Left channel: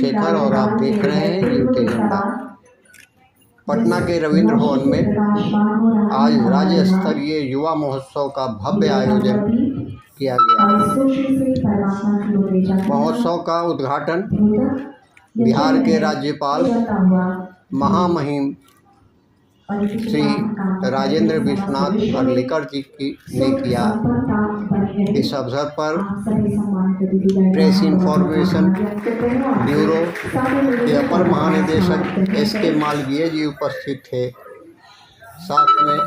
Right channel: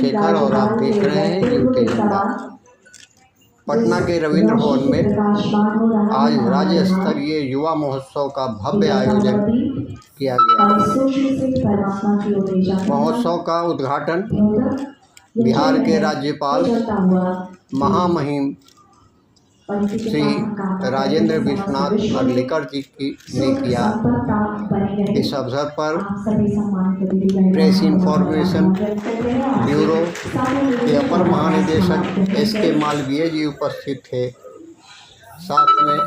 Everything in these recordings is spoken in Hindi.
चंद्रशेखर और आप देख रहे हैं यूटी झंडा। पटना के रविंद्र भवन में आज राज्य स्तरीय युवा महोत्सव का भव्य आयोजन किया गया। महोत्सव का उद्घाटन बिहार के राज्यपाल महामहिम श्री राजेंद्र विश्वनाथ अर्लेकर जी ने किया। इस अवसर पर प्रेस इंफॉर्मेशन ब्यूरो के अपर महानिदेशक एस.के. मालवीय जी उपस्थित थे। साथ में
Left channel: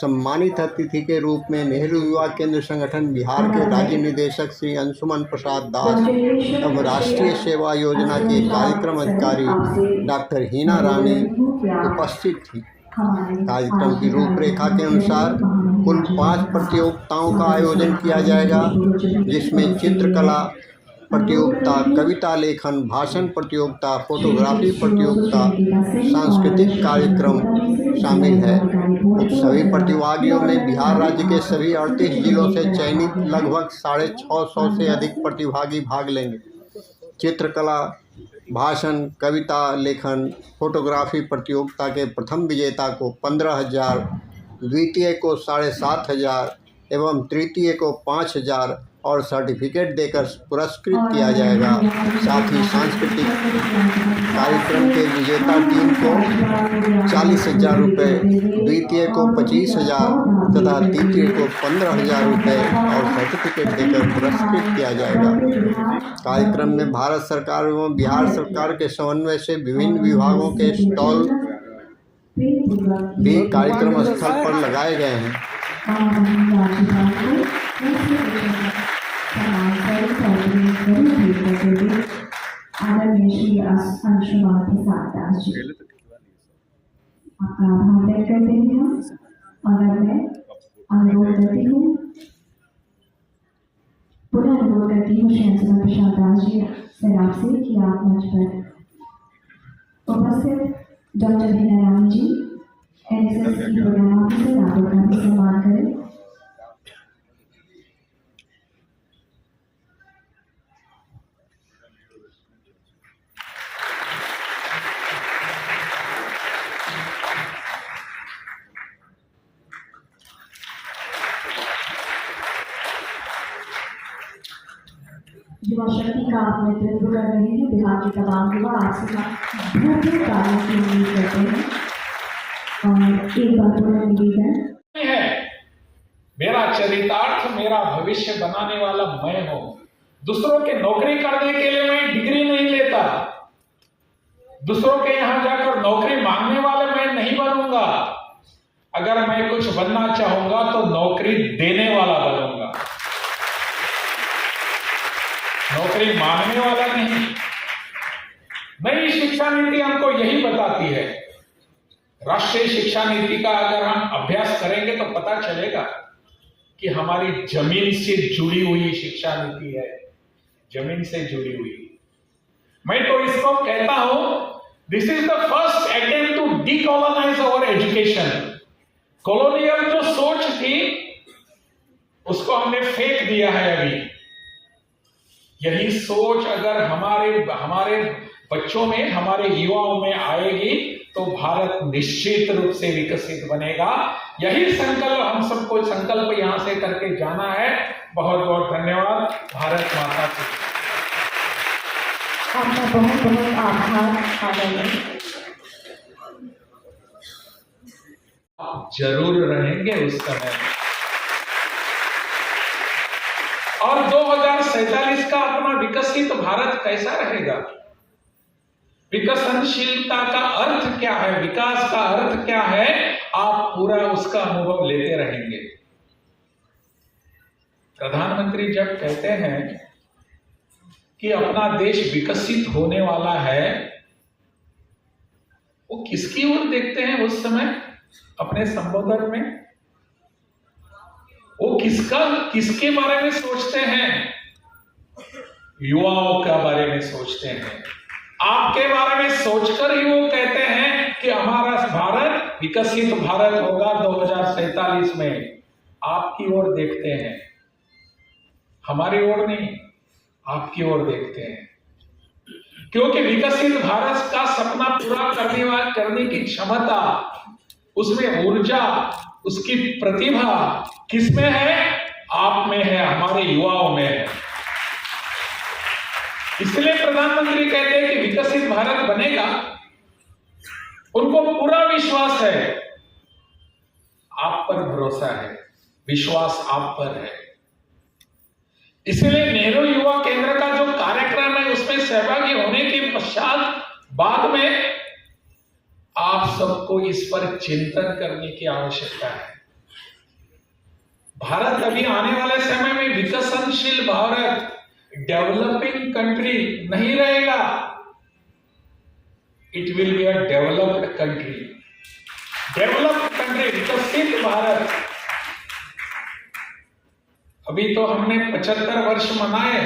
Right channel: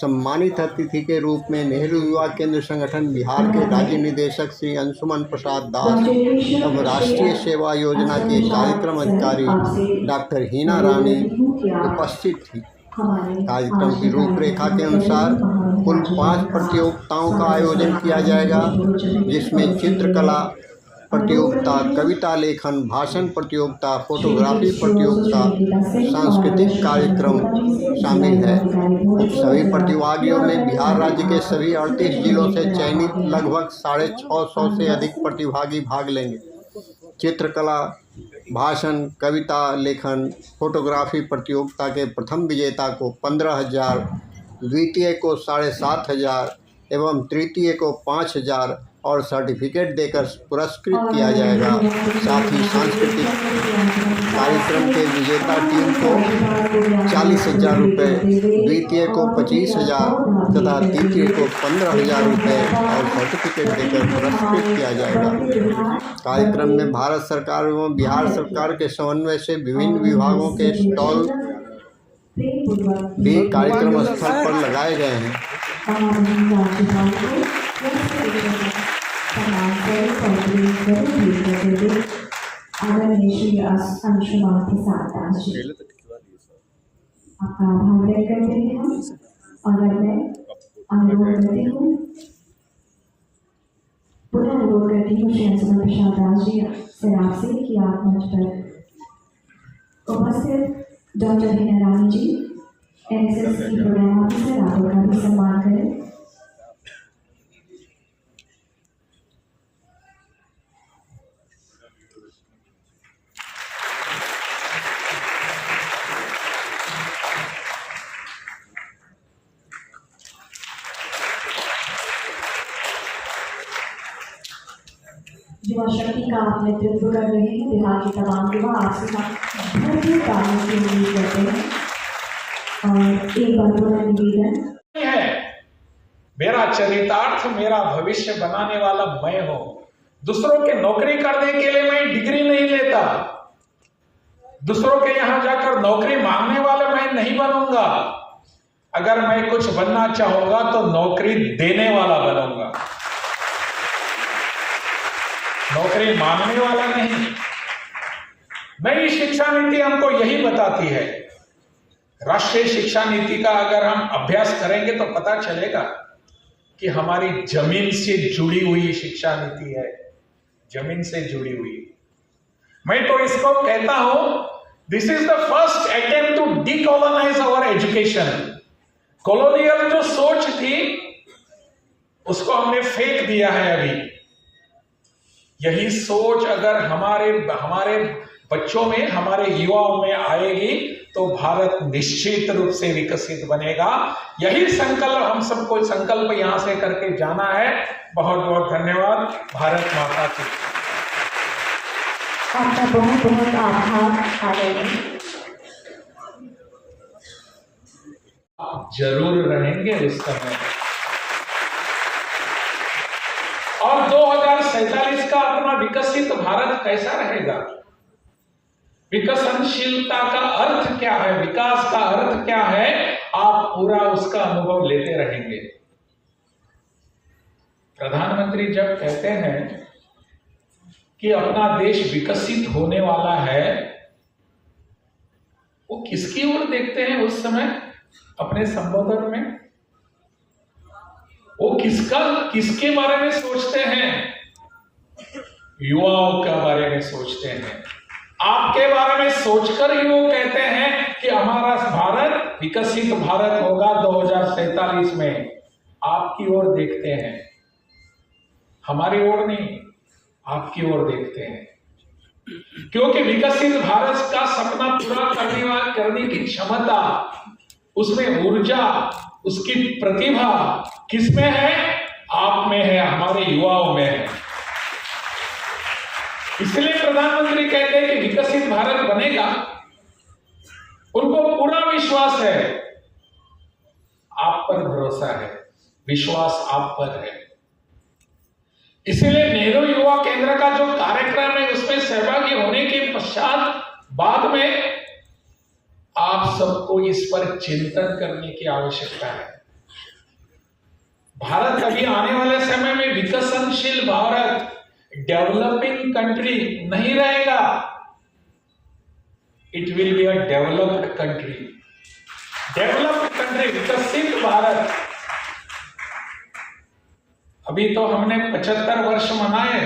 सम्मानित अतिथि के रूप में नेहरू युवा केंद्र संगठन बिहार के राज्य निदेशक श्री अंशुमन प्रसाद दास एवं राष्ट्रीय सेवा योजना के कार्यक्रम अधिकारी डॉक्टर हीना रानी उपस्थित थी। कार्यक्रम की रूपरेखा के अनुसार कुल 5 प्रतियोगिताओं का आयोजन किया जाएगा, जिसमें चित्रकला प्रतियोगिता, कविता लेखन, भाषण प्रतियोगिता, फोटोग्राफी प्रतियोगिता, सांस्कृतिक कार्यक्रम शामिल है। सभी प्रतिभागियों में बिहार राज्य के सभी 38 जिलों से चयनित लगभग 650 से अधिक प्रतिभागी भाग लेंगे। चित्रकला, भाषण, कविता लेखन, फोटोग्राफी प्रतियोगिता के प्रथम विजेता को 15,000, द्वितीय को 7,500 एवं तृतीय को 5,000 और सर्टिफिकेट देकर पुरस्कृत किया जाएगा। साथ ही सांस्कृतिक कार्यक्रम के विजेता टीम को 40,000 रुपये, द्वितीय को 25,000 तथा तृतीय को 15,000 रुपये और सर्टिफिकेट देकर पुरस्कृत किया जाएगा। कार्यक्रम में भारत सरकार एवं बिहार सरकार के समन्वय से विभिन्न विभागों के स्टॉल भी कार्यक्रम स्थल पर लगाए गए हैं। आपका आभार व्यक्त करते हैं हम, और मैं अनुरोध करती हूँ, पुनः अनुरोध करती हूँ श्री अंशुमन प्रसाद दास जी से आपसे कि आप मंच पर उपस्थित डॉक्टर हीना रानी जी NSS की प्रोग्राम ऑफिसर आप उनका भी सम्मान करें। युवा शक्ति का आप नेतृत्व कर रहे हैं। बिहार के तमाम युवा आपसे भरपूर कार्यों की उम्मीद करते हैं और एक बात मेरा निवेदन है, मेरा चरितार्थ मेरा भविष्य बनाने वाला मैं हूं। दूसरों के नौकरी करने के लिए मैं डिग्री नहीं लेता, दूसरों के यहां जाकर नौकरी मांगने वाला मैं नहीं बनूंगा। अगर मैं कुछ बनना चाहूंगा तो नौकरी देने वाला बनूंगा, नौकरी मांगने वाला नहीं। नई शिक्षा नीति हमको यही बताती है। राष्ट्रीय शिक्षा नीति का अगर हम अभ्यास करेंगे तो पता चलेगा कि हमारी जमीन से जुड़ी हुई शिक्षा नीति है, जमीन से जुड़ी हुई। मैं तो इसको कहता हूं, this is the first attempt to decolonise our education. Colonial जो सोच थी उसको हमने फेंक दिया है अभी। यही सोच अगर हमारे बच्चों में, हमारे युवाओं में आएगी तो भारत निश्चित रूप से विकसित बनेगा। यही संकल्प हम सबको संकल्प यहां से करके जाना है। बहुत बहुत धन्यवाद। भारत माता की। आपका बहुत बहुत आभार। आप जरूर रहेंगे उस समय। और 2047 का अपना विकसित भारत कैसा रहेगा? विकसनशीलता का अर्थ क्या है, विकास का अर्थ क्या है, आप पूरा उसका अनुभव लेते रहेंगे। प्रधानमंत्री जब कहते हैं कि अपना देश विकसित होने वाला है, वो किसकी ओर देखते हैं उस समय अपने संबोधन में? वो किसके बारे में सोचते हैं? युवाओं के बारे में सोचते हैं। आपके बारे में सोचकर ही वो कहते हैं कि हमारा भारत विकसित भारत होगा 2047 में। आपकी ओर देखते हैं, हमारी ओर नहीं, आपकी ओर देखते हैं। क्योंकि विकसित भारत का सपना पूरा करने की क्षमता, उसमें ऊर्जा, उसकी प्रतिभा किसमें है? आप में है, हमारे युवाओं में है। इसलिए प्रधानमंत्री कहते हैं कि विकसित भारत बनेगा। उनको पूरा विश्वास है, आप पर भरोसा है, विश्वास आप पर है। इसलिए नेहरू युवा केंद्र का जो कार्यक्रम है उसमें सहभागी होने के पश्चात बाद में आप सबको इस पर चिंतन करने की आवश्यकता है। भारत अभी आने वाले समय में विकसनशील भारत, डेवलपिंग कंट्री नहीं रहेगा। It will be a developed country. Developed country, विकसित भारत। अभी तो हमने 75 वर्ष मनाए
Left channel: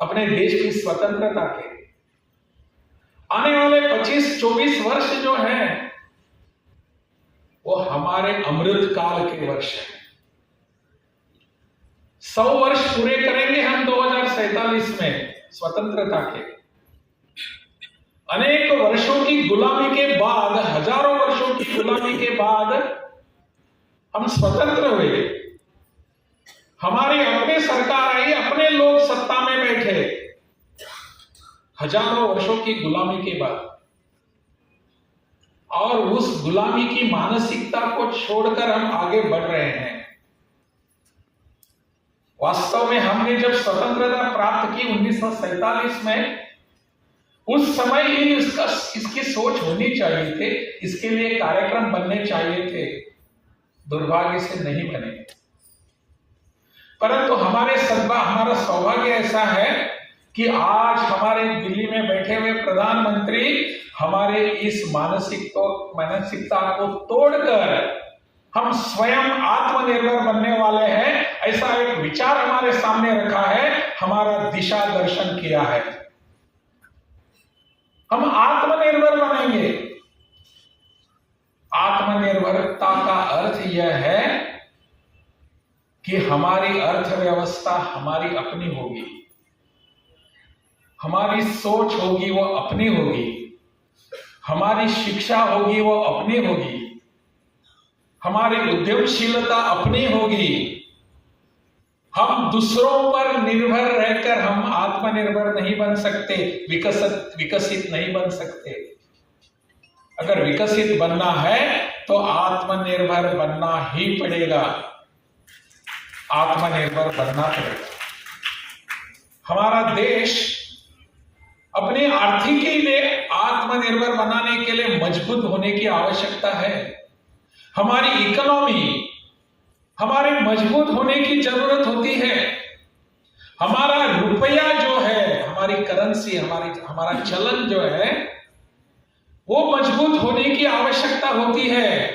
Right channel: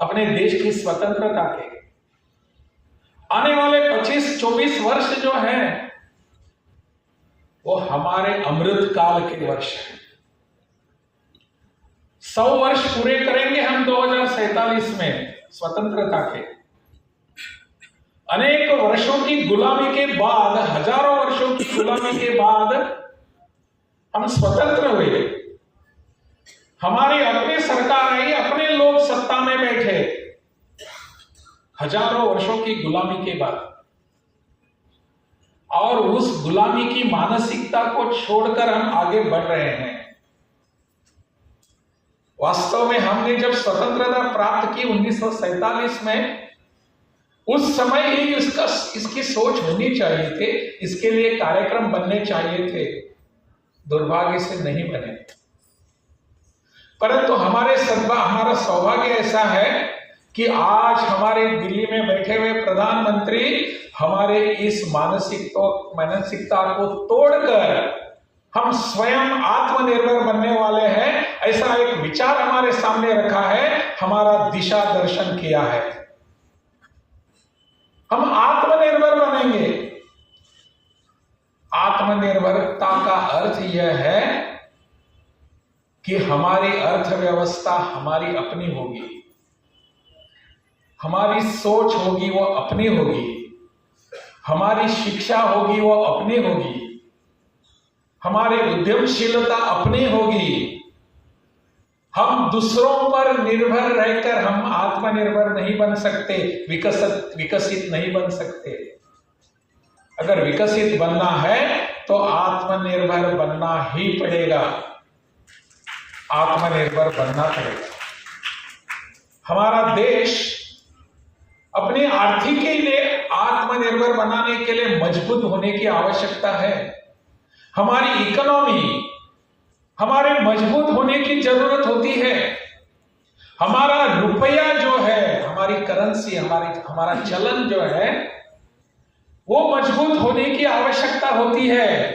अपने देश की स्वतंत्रता के। आने वाले 25-24 वर्ष जो है वो हमारे अमृत काल के वर्ष हैं। 100 वर्ष पूरे करेंगे हम 2047 में स्वतंत्रता के। अनेक वर्षों की गुलामी के बाद, हजारों वर्षों की गुलामी के बाद हम स्वतंत्र हुए। हमारी अपनी सरकार आई, अपने लोग सत्ता में बैठे, हजारों वर्षों की गुलामी के बाद। और उस गुलामी की मानसिकता को छोड़कर हम आगे बढ़ रहे हैं। वास्तव में हमने जब स्वतंत्रता प्राप्त की 1947 में, उस समय ही इसकी सोच होनी चाहिए थे, इसके लिए कार्यक्रम बनने चाहिए थे। दुर्भाग्य से नहीं बने। परंतु हमारा सौभाग्य ऐसा है कि आज हमारे दिल्ली में बैठे हुए प्रधानमंत्री हमारे इस मानसिकता को तोड़कर हम स्वयं आत्मनिर्भर बनने वाले हैं, ऐसा एक विचार हमारे सामने रखा है, हमारा दिशा दर्शन किया है। हम आत्मनिर्भर बनेंगे। आत्मनिर्भरता का अर्थ यह है कि हमारी अर्थव्यवस्था हमारी अपनी होगी, हमारी सोच होगी वो अपनी होगी, हमारी शिक्षा होगी वो अपनी होगी, हमारी उद्यमशीलता अपनी होगी। हम दूसरों पर निर्भर रहकर हम आत्मनिर्भर नहीं बन सकते, विकसित नहीं बन सकते। अगर विकसित बनना है तो आत्मनिर्भर बनना ही पड़ेगा। आत्मनिर्भर बनना पड़ेगा। हमारा देश अपनी आर्थिकी में आत्मनिर्भर बनाने के लिए मजबूत होने की आवश्यकता है। हमारी इकोनॉमी हमारे मजबूत होने की जरूरत होती है। हमारा रुपया जो है, हमारी करेंसी, हमारा चलन जो है वो मजबूत होने की आवश्यकता होती है।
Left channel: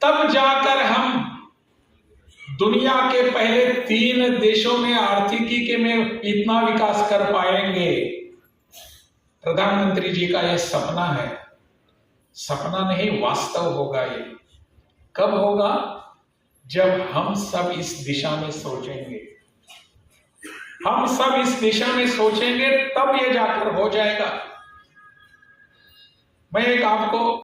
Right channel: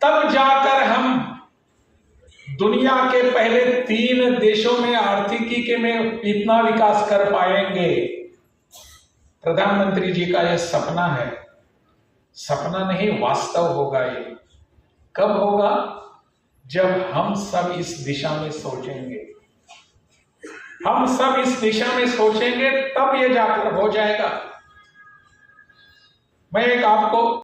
तब जाकर हम दुनिया के पहले 3 देशों में आर्थिकी के में इतना विकास कर पाएंगे। प्रधानमंत्री जी का यह सपना है, सपना नहीं वास्तव होगा। ये कब होगा? जब हम सब इस दिशा में सोचेंगे। हम सब इस दिशा में सोचेंगे तब ये जाकर हो जाएगा। मैं एक आपको